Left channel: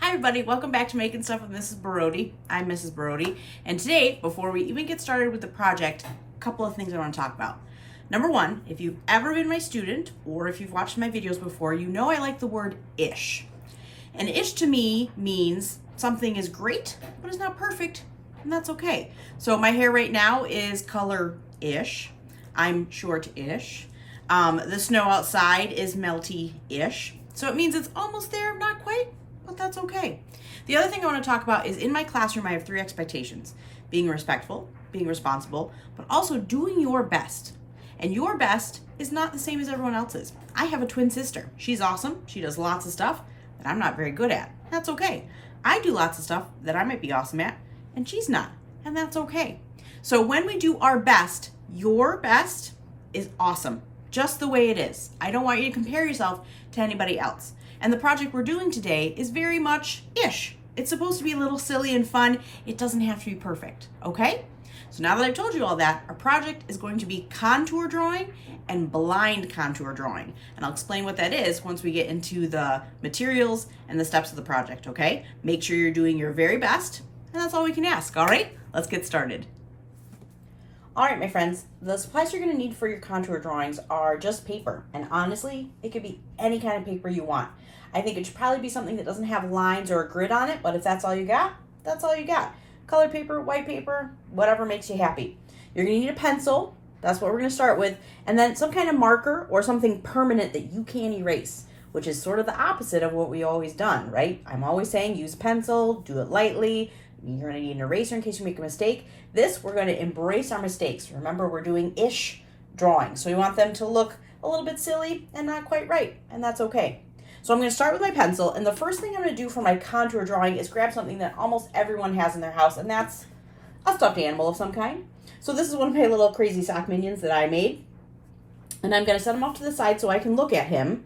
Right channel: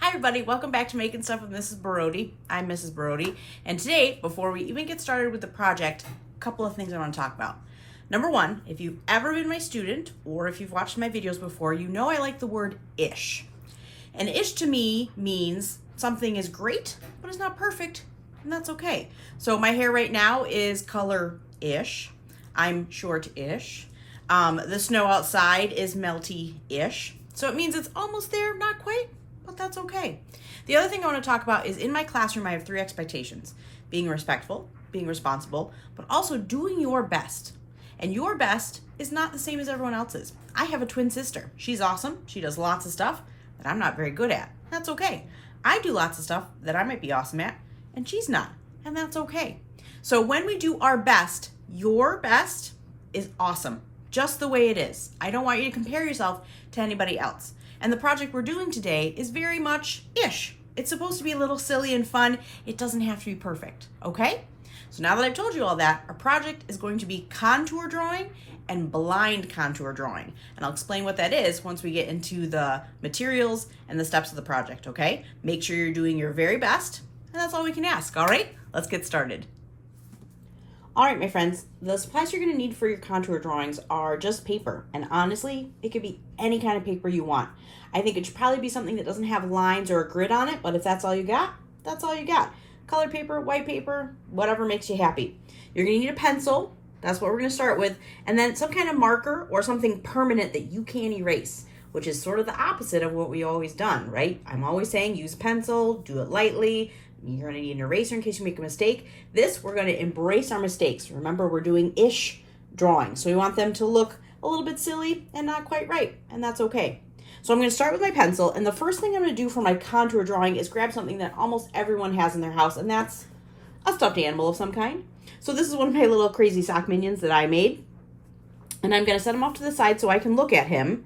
Hi everybody, welcome back to Making Stuff with Mrs. Baroody. I'm Mrs. Baroody, and today, before we even get started with the project, a couple of things I want to talk about. Number one, if you've ever been my student, or if you've watched my videos before, you know I like the word ish. And ish to me means something is great, but it's not perfect, and that's okay. So my hair right now is color-ish. I'm short-ish. The snow outside is melty-ish. So it means it's almost there, not quite, but that's okay. The other thing I want to talk about is in my classroom, I have 3 expectations: being respectful, being responsible, but also doing your best. And your best is not the same as everyone else's. I have a twin sister. She's awesome. She does lots of stuff that I'm not very good at. That's okay. I do lots of stuff that I might be awesome at, and she's not, and that's okay. So when we do our best, your best is awesome, just the way it is. I don't want you to compare yourself to anybody else. And the project we're doing today is very much ish. It's supposed to be a little silly and fun. It doesn't have to be perfect, okay? So now that I've told you all that, our project is going to be contour drawing and blind contour drawing. And I'll explain what that is once we get into the materials and the steps of the project, okay? Make sure you're doing your very best, and that's all we can ask, all right? Let's get started. All right, my friends, the supplies you're gonna need for your contour drawings are just paper. And honestly, it could be any kind of paper you want. I think it should probably be something that doesn't have lines or a grid on it, but if that's all you got, that's all you got. Colored paper, white paper, whatever makes you happy. You're gonna need a pencil, that's what we're gonna start with, and then some kind of marker or something permanent that you can erase, which is sort of the opposite of what we always done, right? I'm always saying use pencil, do it lightly. You're gonna need an eraser in case you make a mistake. This, we're gonna embrace our mistakes. Remember, we're doing ish drawing, so we want them to look a little bit silly and not quite right, and that's okay. So I'm gonna start with my pencil, and the first thing I'm gonna do for my contour drawing is grab something that almost everyone has in their house, and that's a stuffed animal of some kind. So this is one of my little crazy sock minions that I made, and I'm gonna set him off to the side so I can look at him.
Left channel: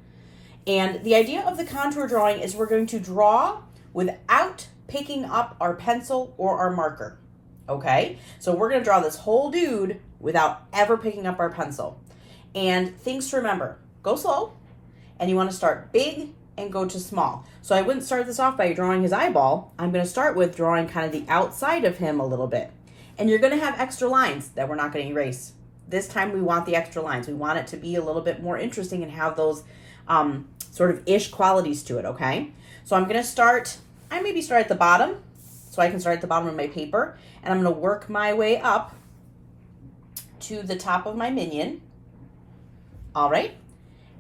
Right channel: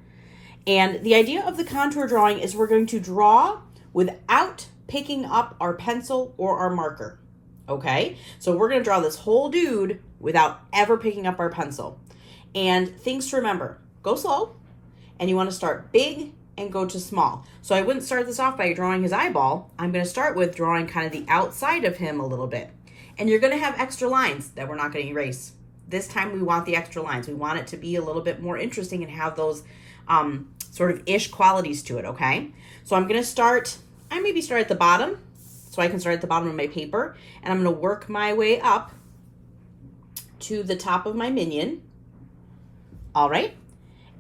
And the idea of the contour drawing is we're going to draw without picking up our pencil or our marker, okay? So we're gonna draw this whole dude without ever picking up our pencil. And things to remember: go slow, and you wanna start big and go to small. So I wouldn't start this off by drawing his eyeball. I'm gonna start with drawing kind of the outside of him a little bit. And you're gonna have extra lines that we're not gonna erase. This time we want the extra lines. We want it to be a little bit more interesting and have those sort of ish qualities to it, okay? So I'm gonna start, I maybe start at the bottom, so I can start at the bottom of my paper, and I'm gonna work my way up to the top of my minion. All right,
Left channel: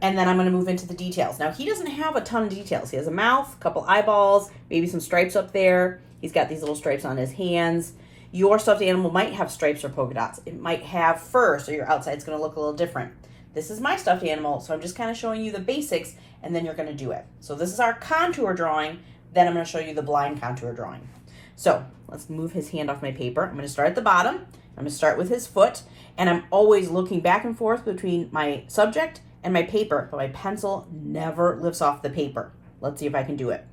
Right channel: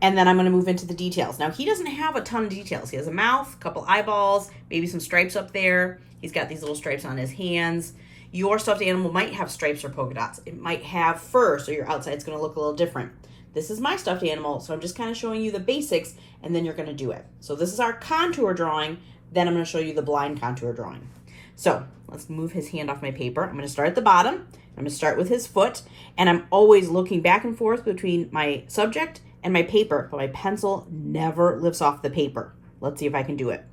and then I'm gonna move into the details. Now, he doesn't have a ton of details. He has a mouth, a couple eyeballs, maybe some stripes up there. He's got these little stripes on his hands. Your stuffed animal might have stripes or polka dots. It might have fur, so your outside's gonna look a little different. This is my stuffed animal, so I'm just kind of showing you the basics, and then you're gonna do it. So this is our contour drawing. Then I'm going to show you the blind contour drawing. So let's move his hand off my paper. I'm going to start at the bottom. I'm going to start with his foot, and I'm always looking back and forth between my subject and my paper, but my pencil never lifts off the paper. Let's see if I can do it.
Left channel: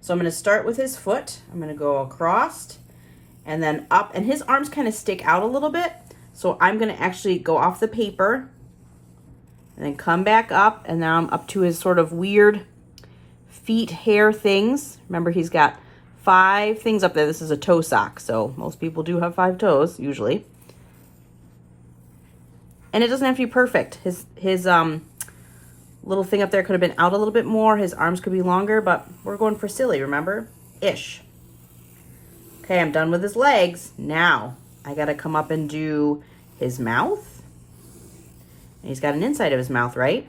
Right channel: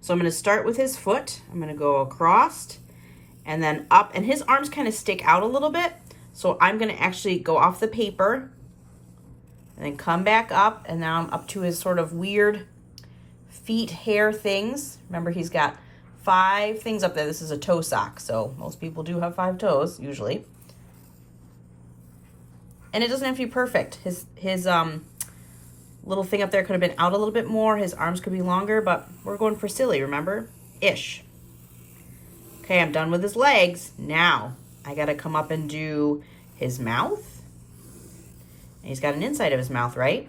So I'm going to start with his foot. I'm going to go across and then up, and his arms kind of stick out a little bit. So I'm going to actually go off the paper and then come back up, and now I'm up to his sort of weird feet hair things. Remember, he's got 5 things up there. This is a toe sock, so most people do have 5 toes usually. And it doesn't have to be perfect. His little thing up there could have been out a little bit more. His arms could be longer, but we're going for silly, remember? Ish. Okay, I'm done with his legs. Now I gotta come up and do his mouth. And he's got an inside of his mouth, right?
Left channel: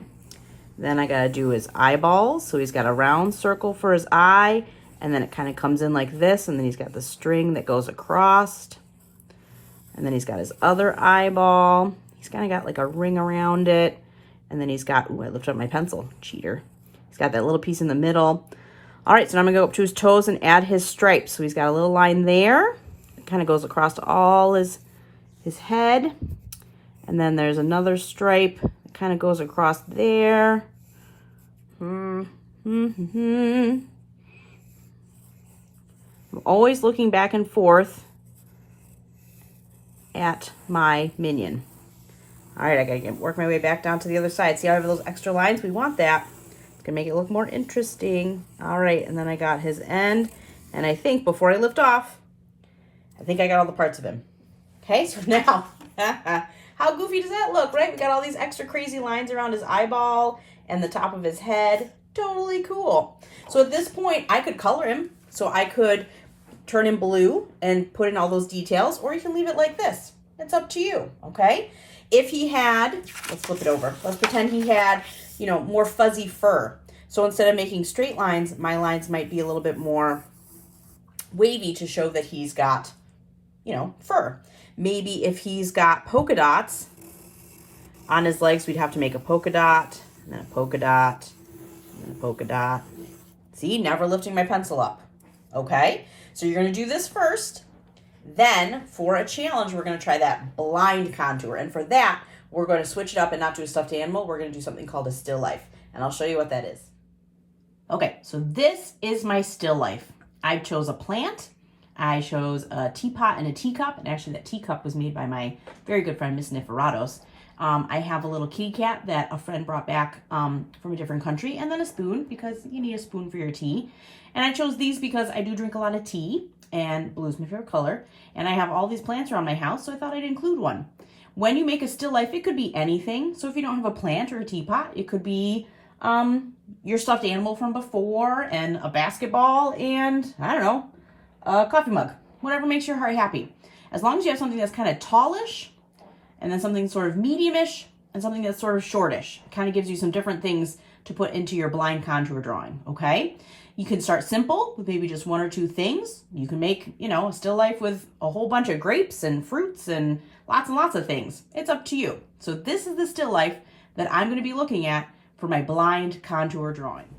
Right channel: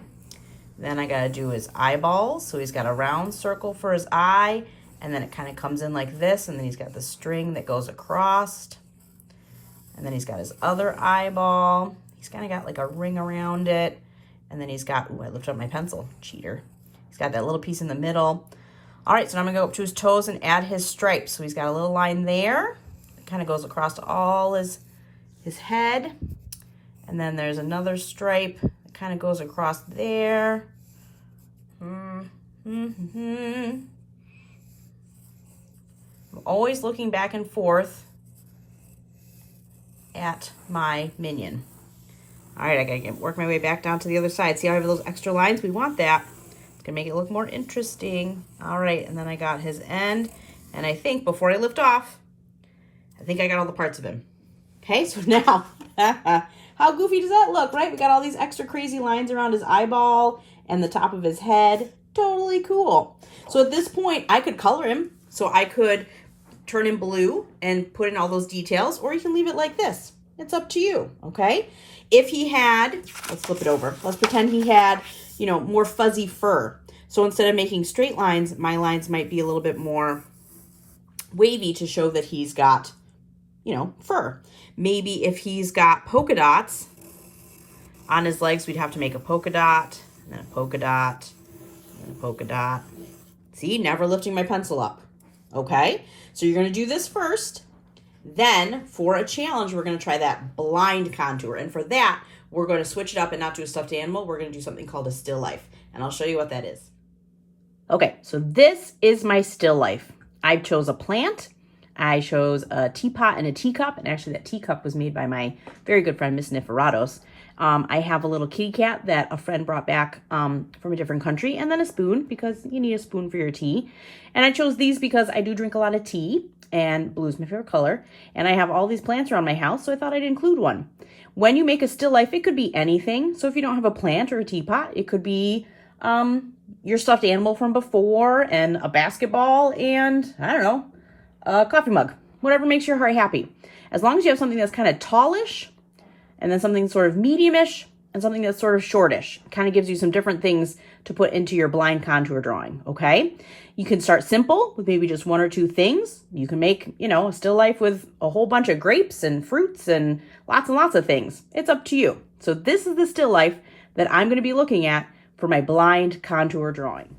Then I gotta do his eyeballs. So he's got a round circle for his eye, and then it kind of comes in like this, and then he's got the string that goes across. And then he's got his other eyeball. He's kind of got like a ring around it. And then he's got, ooh, I lifted up my pencil, cheater. He's got that little piece in the middle. All right, so now I'm gonna go up to his toes and add his stripes. So he's got a little line there. It kind of goes across all his head. And then there's another stripe that kind of goes across there. I'm always looking back and forth at my minion. All right, I gotta work my way back down to the other side. See how I have those extra lines? We want that. It's can make it look more interesting. All right, and then I got his end. And I think before I lift off, I think I got all the parts of him. Okay, so now, how goofy does that look, right? We got all these extra crazy lines around his eyeball and the top of his head. Totally cool. So at this point, I could color him. So I could turn him blue and put in all those details, or you can leave it like this. It's up to you, okay? If he had, let's flip it over. Let's pretend he had, you know, more fuzzy fur. So instead of making straight lines, my lines might be a little bit more wavy to show that he's got, you know, fur. Maybe if he's got polka dots on his legs, we'd have to make a polka dot, and then a polka dot, and then a polka dot. See, never lifting my pencil up, okay? So you're gonna do this first. Then for a challenge, we're gonna try that blind contour. And for that, we're gonna switch it up and not do a stuffed animal. We're gonna do something called a still life. And I'll show you what that is. Okay, so this is my still life. I chose a plant. I chose a teapot and a teacup. And actually that teacup was made by my very good friend, Miss Niferatos. I have a little kitty cat that a friend brought back from a different country, and then a spoon because you need a spoon for your tea. And I chose these because I do drink a lot of tea, and blue is my favorite color. And I have all these plants around my house, so I thought I'd include one. When you make a still life, it could be anything. So if you don't have a plant or a teapot, it could be your stuffed animal from before, and a basketball, and I don't know, a coffee mug. Whatever makes your heart happy. As long as you have something that's kind of tallish, and then something sort of medium-ish, and something that's sort of shortish. It kind of gives you some different things to put into your blind contour drawing, okay? You can start simple with maybe just one or two things. You can make, you know, a still life with a whole bunch of grapes and fruits and lots of things. It's up to you. So this is the still life that I'm gonna be looking at for my blind contour drawing.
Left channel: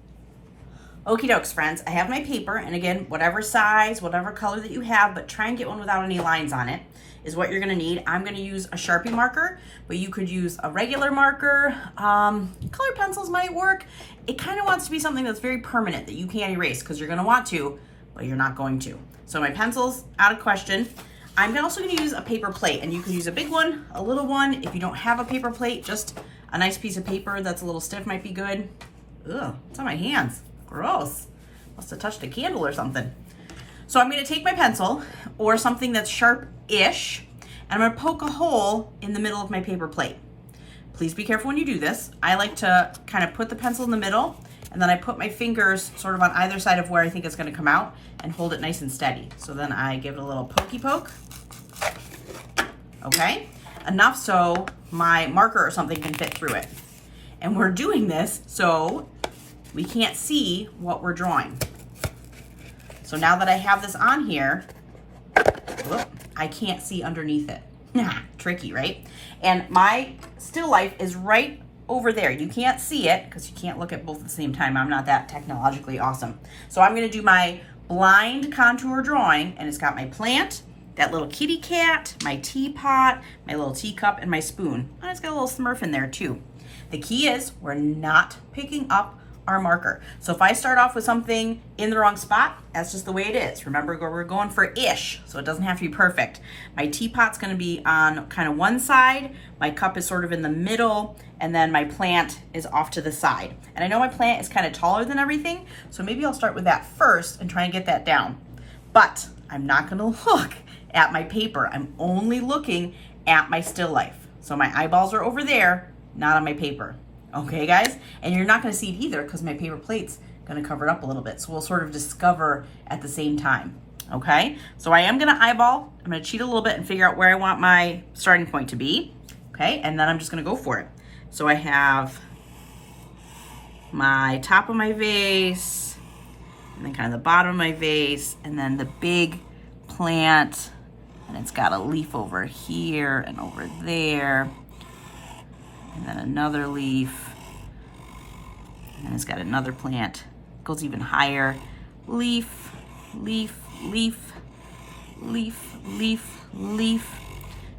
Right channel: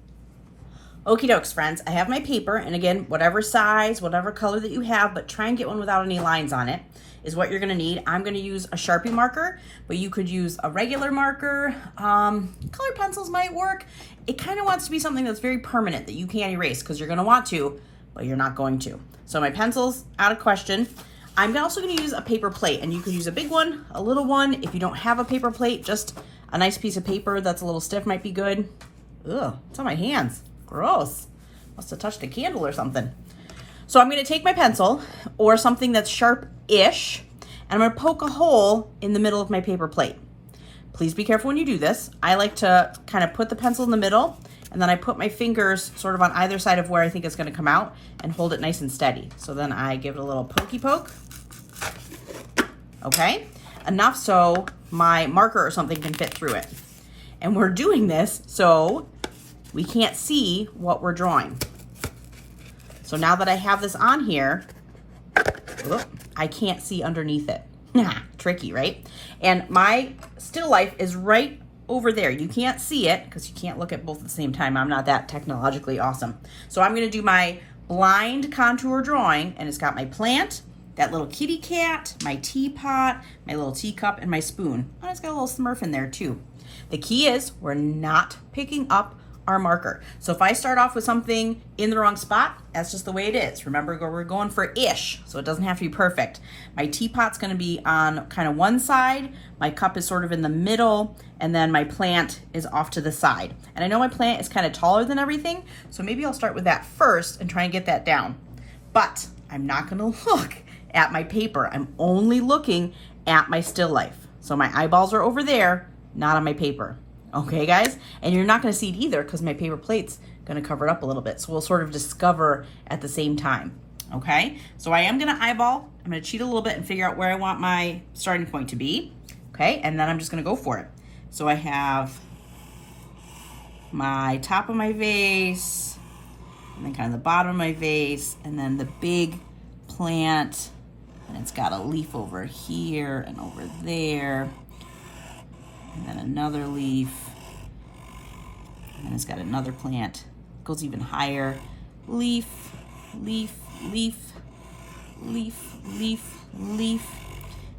Okie dokes, friends. I have my paper, and again, whatever size, whatever color that you have, but try and get one without any lines on it, is what you're gonna need. I'm gonna use a Sharpie marker, but you could use a regular marker. Colored pencils might work. It kind of wants to be something that's very permanent that you can't erase, because you're gonna want to, but you're not going to. So my pencil's out of question. I'm also gonna use a paper plate, and you can use a big one, a little one. If you don't have a paper plate, just a nice piece of paper that's a little stiff might be good. Ugh, it's on my hands. Gross. Must have touched a candle or something. So I'm gonna take my pencil or something that's sharp-ish, and I'm gonna poke a hole in the middle of my paper plate. Please be careful when you do this. I like to kind of put the pencil in the middle, and then I put my fingers sort of on either side of where I think it's gonna come out and hold it nice and steady. So then I give it a little pokey poke. Okay, enough so my marker or something can fit through it. And we're doing this so we can't see what we're drawing. So now that I have this on here, I can't see underneath it. Tricky, right? And my still life is right over there. You can't see it because you can't look at both at the same time. I'm not that technologically awesome. So I'm gonna do my blind contour drawing, and it's got my plant, that little kitty cat, my teapot, my little teacup, and my spoon. And it's got a little Smurf in there too. The key is we're not picking up our marker. So if I start off with something in the wrong spot, that's just the way it is. Remember, we're going for ish, so it doesn't have to be perfect. My teapot's gonna be on kind of one side, my cup is sort of in the middle, and then my plant is off to the side. And I know my plant is kind of taller than everything, so maybe I'll start with that first and try and get that down. But I'm not gonna look at my paper. I'm only looking at my still life. So my eyeballs are over there, not on my paper. Okay, guys? And you're not gonna see it either because my paper plate's gonna cover it up a little bit. So we'll sort of discover at the same time, okay? So I am gonna eyeball. I'm gonna cheat a little bit and figure out where I want my starting point to be, okay? And then I'm just gonna go for it. So I have my top of my vase, and then kind of the bottom of my vase, and then the big plant, and it's got a leaf over here and over there. And then another leaf, and then it's got another plant. It goes even higher. Leaf, leaf, leaf, leaf, leaf, leaf.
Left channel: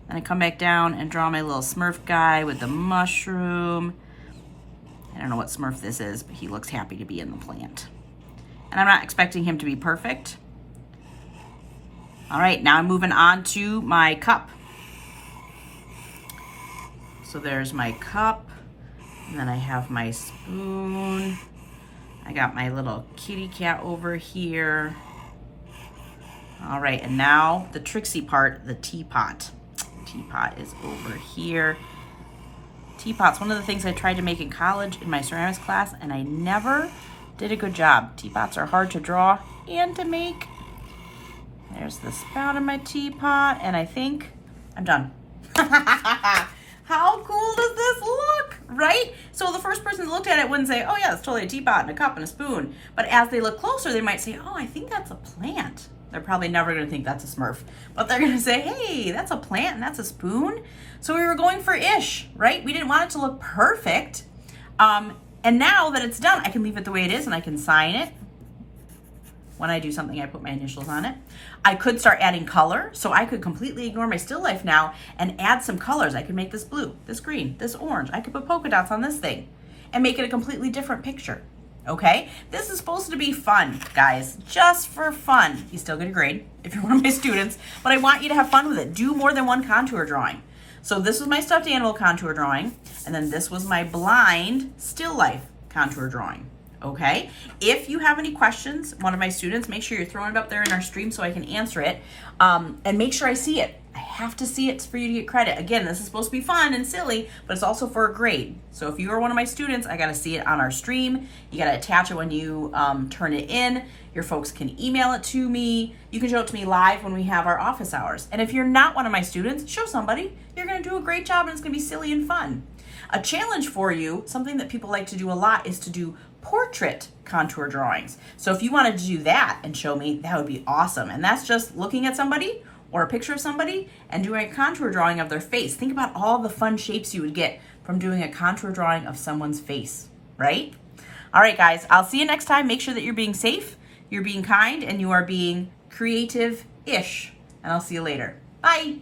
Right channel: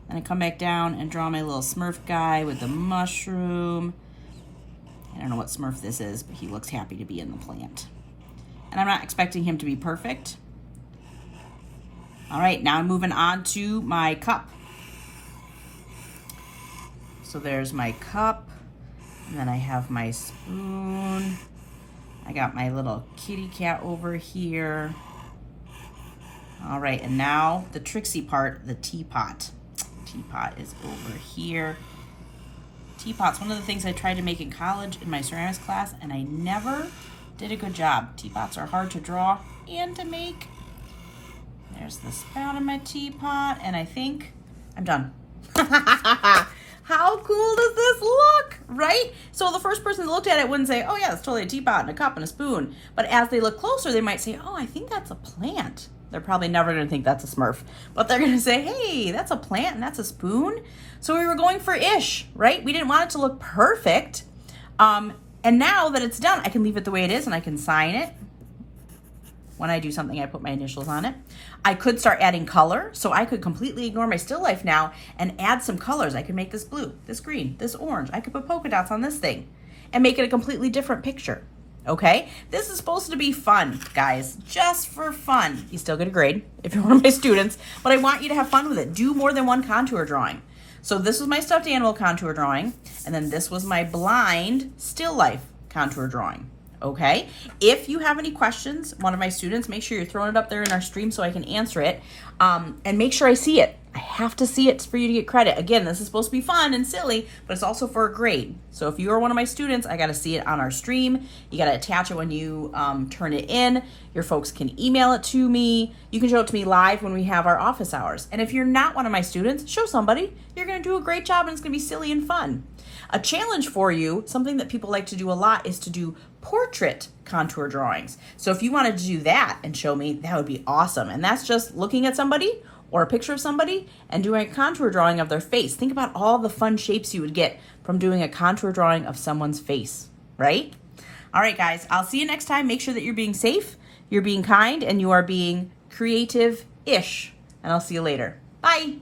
Then I come back down and draw my little Smurf guy with the mushroom. I don't know what Smurf this is, but he looks happy to be in the plant. And I'm not expecting him to be perfect. All right, now I'm moving on to my cup. So there's my cup, and then I have my spoon, I got my little kitty cat over here. All right, and now the tricksy part, the teapot. Teapot is over here. Teapot's one of the things I tried to make in college in my ceramics class, and I never did a good job. Teapots are hard to draw and to make. There's the spout of my teapot, and I think I'm done. How cool does this look, right? So the first person that looked at it wouldn't say, oh yeah, it's totally a teapot and a cup and a spoon. But as they look closer, they might say, oh, I think that's a plant. They're probably never gonna think that's a Smurf, but they're gonna say, hey, that's a plant and that's a spoon. So we were going for ish, right? We didn't want it to look perfect. And now that it's done, I can leave it the way it is and I can sign it. When I do something, I put my initials on it. I could start adding color, so I could completely ignore my still life now and add some colors. I could make this blue, this green, this orange. I could put polka dots on this thing and make it a completely different picture, okay? This is supposed to be fun, guys, just for fun. You still get a grade if you're one of my students, but I want you to have fun with it. Do more than one contour drawing. So this was my stuffed animal contour drawing, and then this was my blind still life contour drawing. Okay, if you have any questions, one of my students, make sure you're throwing it up there in our stream so I can answer it, and make sure I see it. I have to see it for you to get credit. Again, this is supposed to be fun and silly, but it's also for a grade. So if you are one of my students, I got to see it on our stream. You got to attach it when you turn it in. Your folks can email it to me. You can show it to me live when we have our office hours. And if you're not one of my students, show somebody. You're going to do a great job and it's going to be silly and fun. A challenge for you, something that people like to do a lot, is to do portrait contour drawings. So if you wanted to do that and show me, that would be awesome. And that's just looking at somebody or a picture of somebody and doing a contour drawing of their face. Think about all the fun shapes you would get from doing a contour drawing of someone's face, right? All right, guys, I'll see you next time. Make sure that you're being safe, you're being kind, and you are being creative-ish. And I'll see you later. Bye.